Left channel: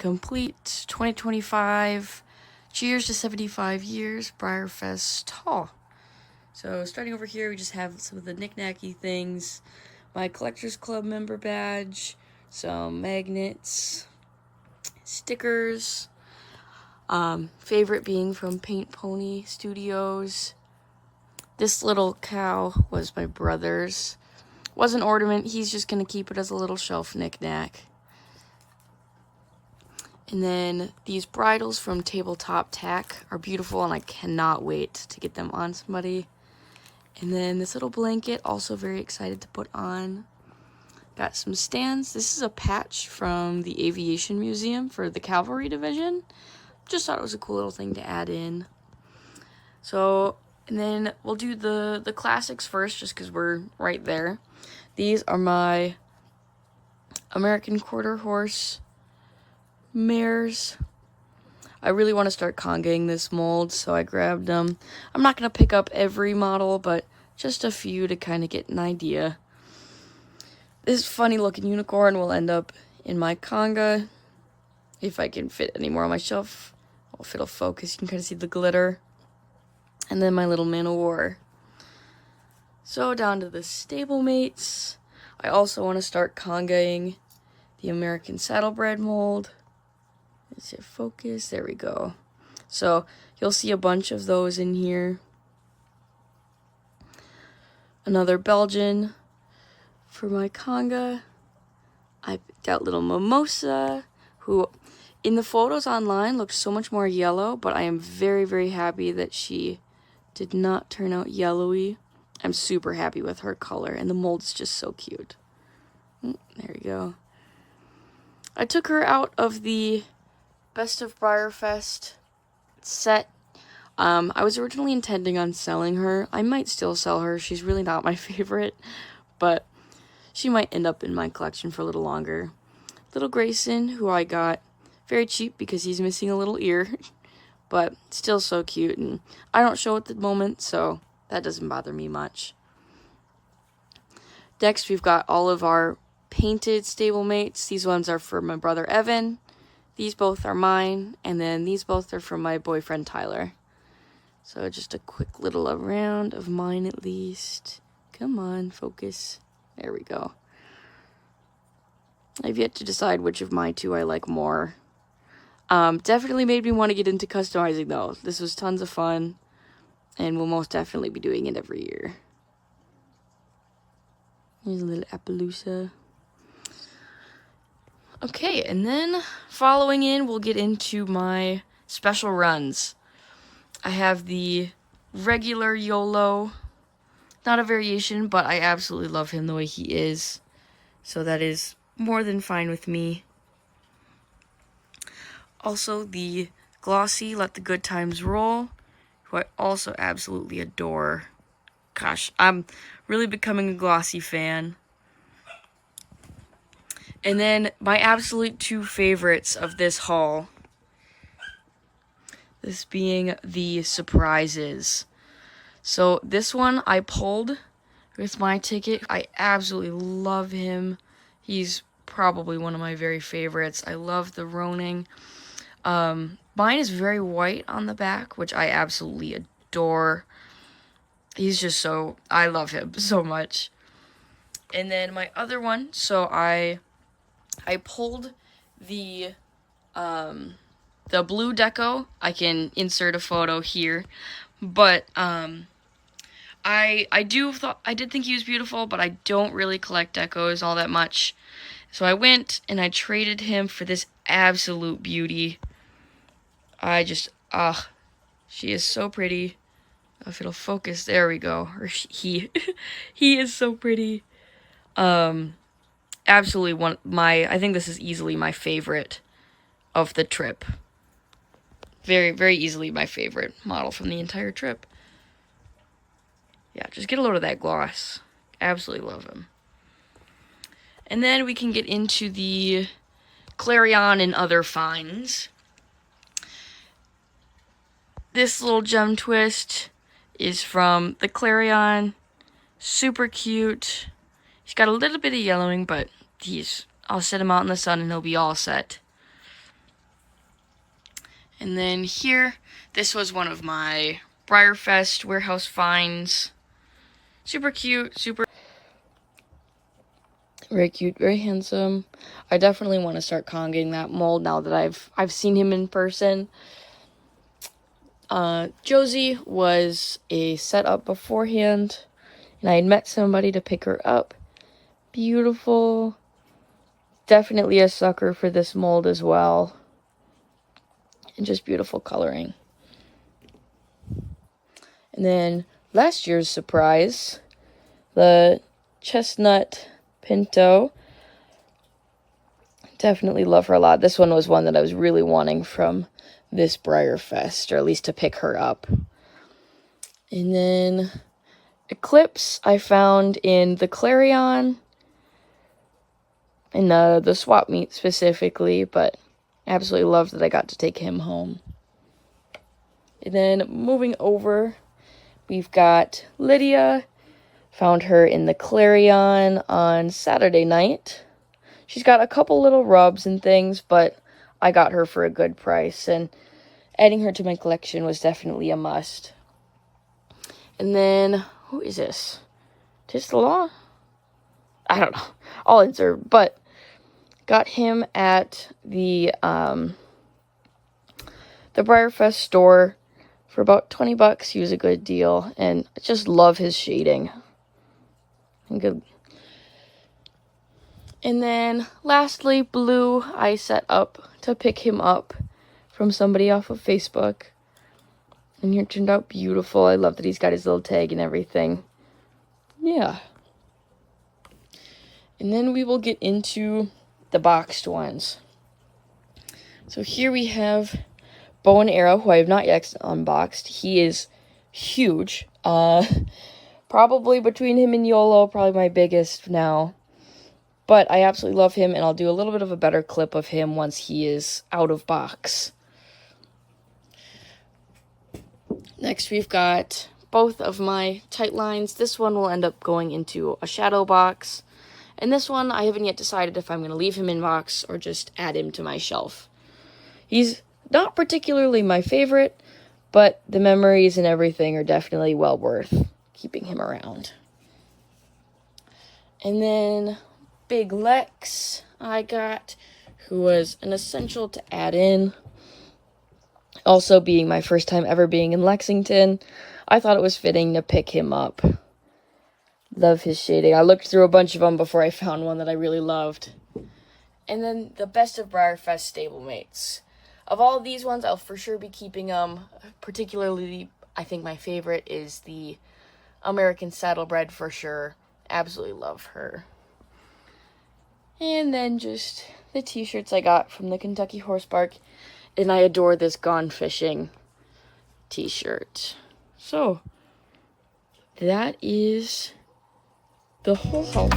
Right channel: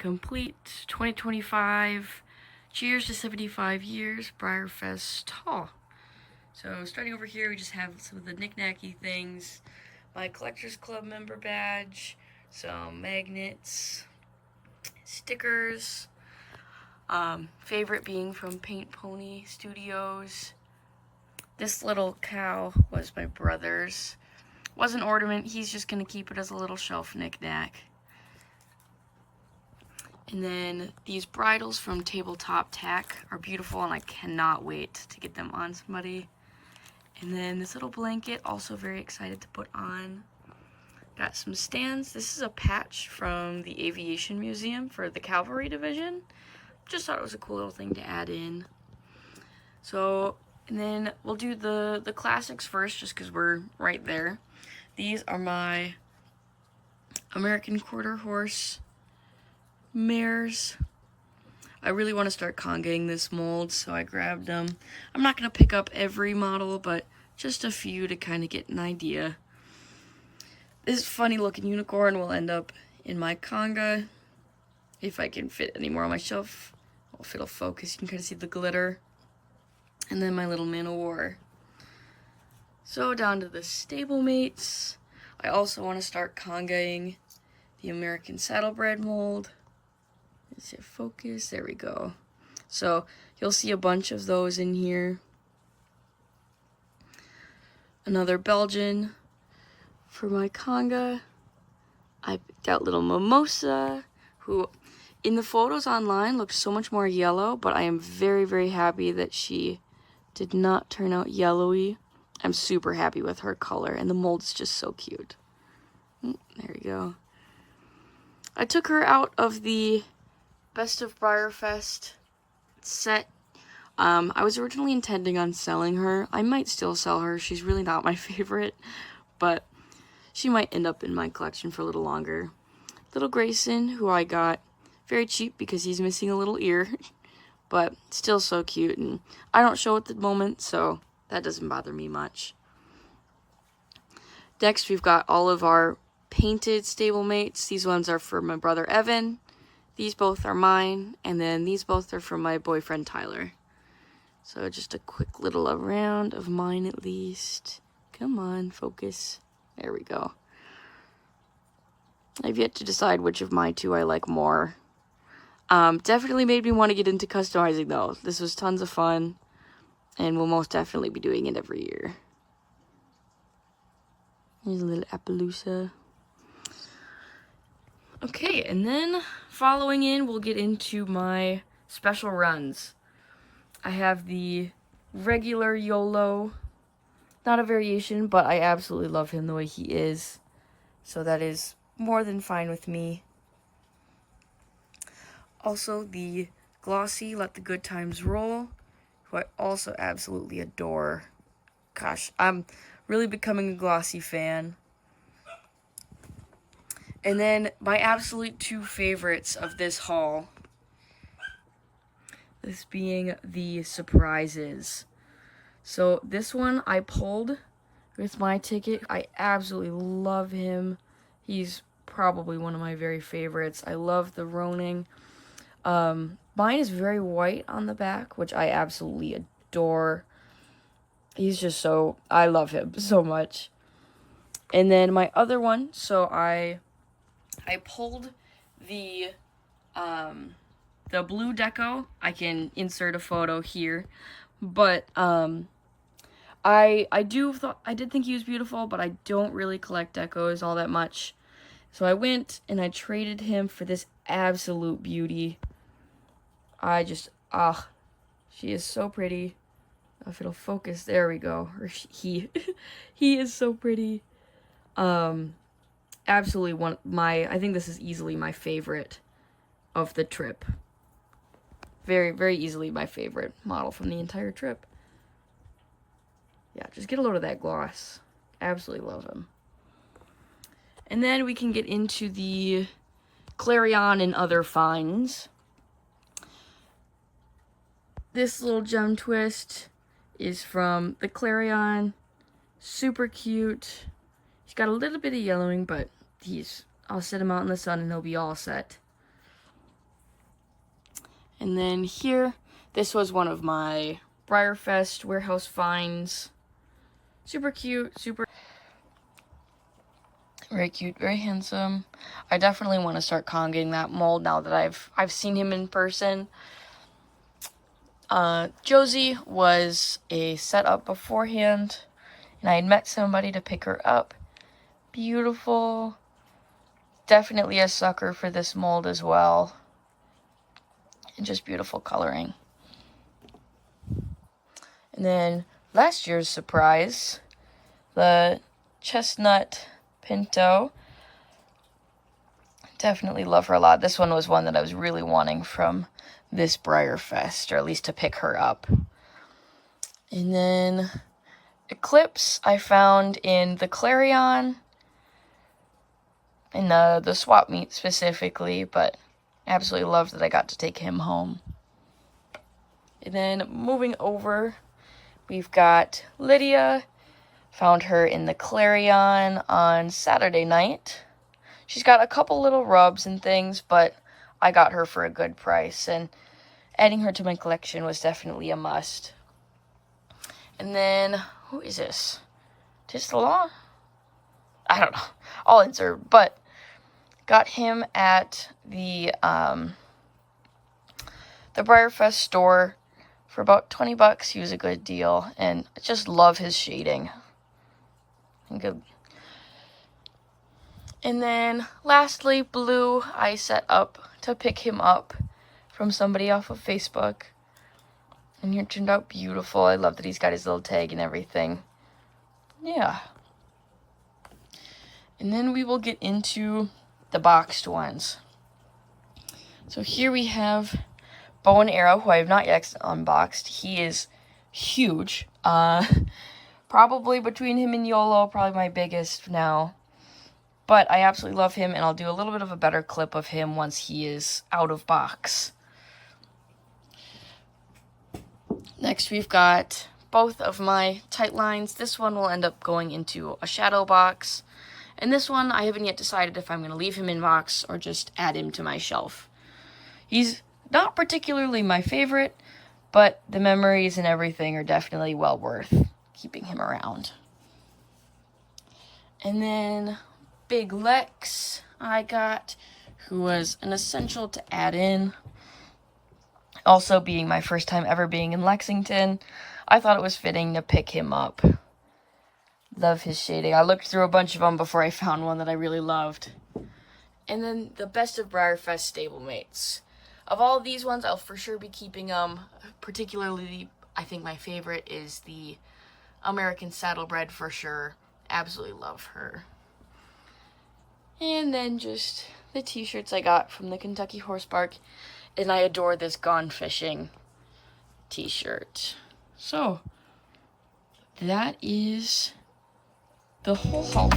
complete 2025 Cheers to 75 Years Breyerfest haul. So starting over here, we just have some of the knick-knacky things. My Collectors Club member badge, some magnets, stickers. Favorite being from Paint Pony Studios. This little cow was my brother's. Was an ornament. He's just going to keep it as a little shelf knick-knack. And then these bridles from Tabletop Tack are beautiful, and I cannot wait to get them on somebody. And then this little blanket, also very excited to put on. Got some stands. This is a patch from the Aviation Museum for the Cavalry Division. Just thought it was a cool little thing to add in. So, and then we'll do the classics first, just because we're right there. These are my American Quarter Horse mares. I really want to start congaing this mold, so I grabbed them. I'm not going to pick up every model, but just a few to kind of get an idea. This funny looking unicorn will end up in my conga, if I can fit any more on my shelf. Well, if it'll focus, you can kind of see the glitter. And then my little man of war. So down to the stablemates. I also want to start congaing the American Saddlebred mold. Is it focus? There we go. So you'll see a bunch of those in here. Another Belgian for my conga. I picked out little Mimosa, who in the photos online looked so much more yellow, but I am very, very happy that she did not turn out yellowy. I'm super happy with her color, and the mold's just so cute. There we go. I took her out of the Best of Breyerfest set. I was originally intending on selling her. I might still sell her. She's really not my favorite, but she might end up in my collection for a little longer. Little Grayson, who I got very cheap because he's missing a little ear, but still so cute, and I don't show at the moment, so that doesn't bother me much. Next, we've got all of our painted stablemates. These ones are for my brother Evan. These both are mine, and then these both are from my boyfriend Tyler. So just a quick little around of mine at least. Come on, focus. There we go. I've yet to decide which of my two I like more. Definitely made me want to get into customizing though. This was tons of fun, and we'll most definitely be doing it every year. Here's a little Appaloosa. Okay, and then following in, we'll get into my special runs. I have the regular YOLO. Not a variation, but I absolutely love him the way he is. So that is more than fine with me. Also, the glossy Let the Good Times Roll, who I also absolutely adore. Gosh, I'm really becoming a glossy fan. And then my absolute two favorites of this haul. This being the surprises. So this one I pulled with my ticket. I absolutely love him. He's probably one of my very favorites. I love the Roning. Mine is very white on the back, which I absolutely adore. He's just so, I love him so much. And then my other one, so I pulled the blue deco. I can insert a photo here, but I did think he was beautiful, but I don't really collect decos all that much. So I went and I traded him for this absolute beauty. She is so pretty. If it'll focus, there we go. Or he is so pretty. Absolutely I think this is easily my favorite of the trip. Very, very easily my favorite model from the entire trip. Yeah, just get a load of that gloss. Absolutely love him. And then we can get into the Clarion and other finds. This little gem twist is from the Clarion. Super cute. He's got a little bit of yellowing, but I'll set him out in the sun and he'll be all set. And then here, this was one of my Breyerfest warehouse finds. Super cute, super very cute, very handsome. I definitely want to start conging that mold now that I've seen him in person. Josie was a setup beforehand, and I had met somebody to pick her up. Beautiful. Definitely a sucker for this mold as well. And just beautiful coloring. And then last year's surprise, the chestnut pinto. Definitely love her a lot. This one was one that I was really wanting from this Breyerfest, or at least to pick her up. And then Eclipse I found in the Clarion, in the swap meet specifically, but absolutely loved that I got to take him home. And then moving over, we've got Lydia. Found her in the Clarion on Saturday night. She's got a couple little rubs and things, but I got her for a good price, and adding her to my collection was definitely a must. And then, who is this? Tistalaw? I don't know. I'll insert, but got him at the Breyerfest store for about 20 bucks. He was a good deal, and I just love his shading. Good. And then lastly, Blue, I set up to pick him up from somebody off of Facebook, and he turned out beautiful. I love that he's got his little tag and everything. Yeah. And then we will get into the boxed ones. So here we have Bow and Arrow, who I have not yet unboxed. He is huge. Probably between him and YOLO, probably my biggest now. But I absolutely love him, and I'll do a little bit of a better clip of him once he is out of box. Next, we've got both of my tight lines. This one will end up going into a shadow box. And this one, I haven't yet decided if I'm going to leave him in box or just add him to my shelf. He's not particularly my favorite, but the memories and everything are definitely well worth keeping him around. And then Big Lex I got, who was an essential to add in. Also, being my first time ever being in Lexington, I thought it was fitting to pick him up. Love his shading. I looked through a bunch of them before I found one that I really loved. And then the best of Breyerfest stablemates. Of all these ones, I'll for sure be keeping them. Particularly, I think my favorite is the American Saddlebred for sure. Absolutely love her. And then just the t-shirts I got from the Kentucky Horse Park. And I adore this Gone Fishing t-shirt. So, that is the whole haul.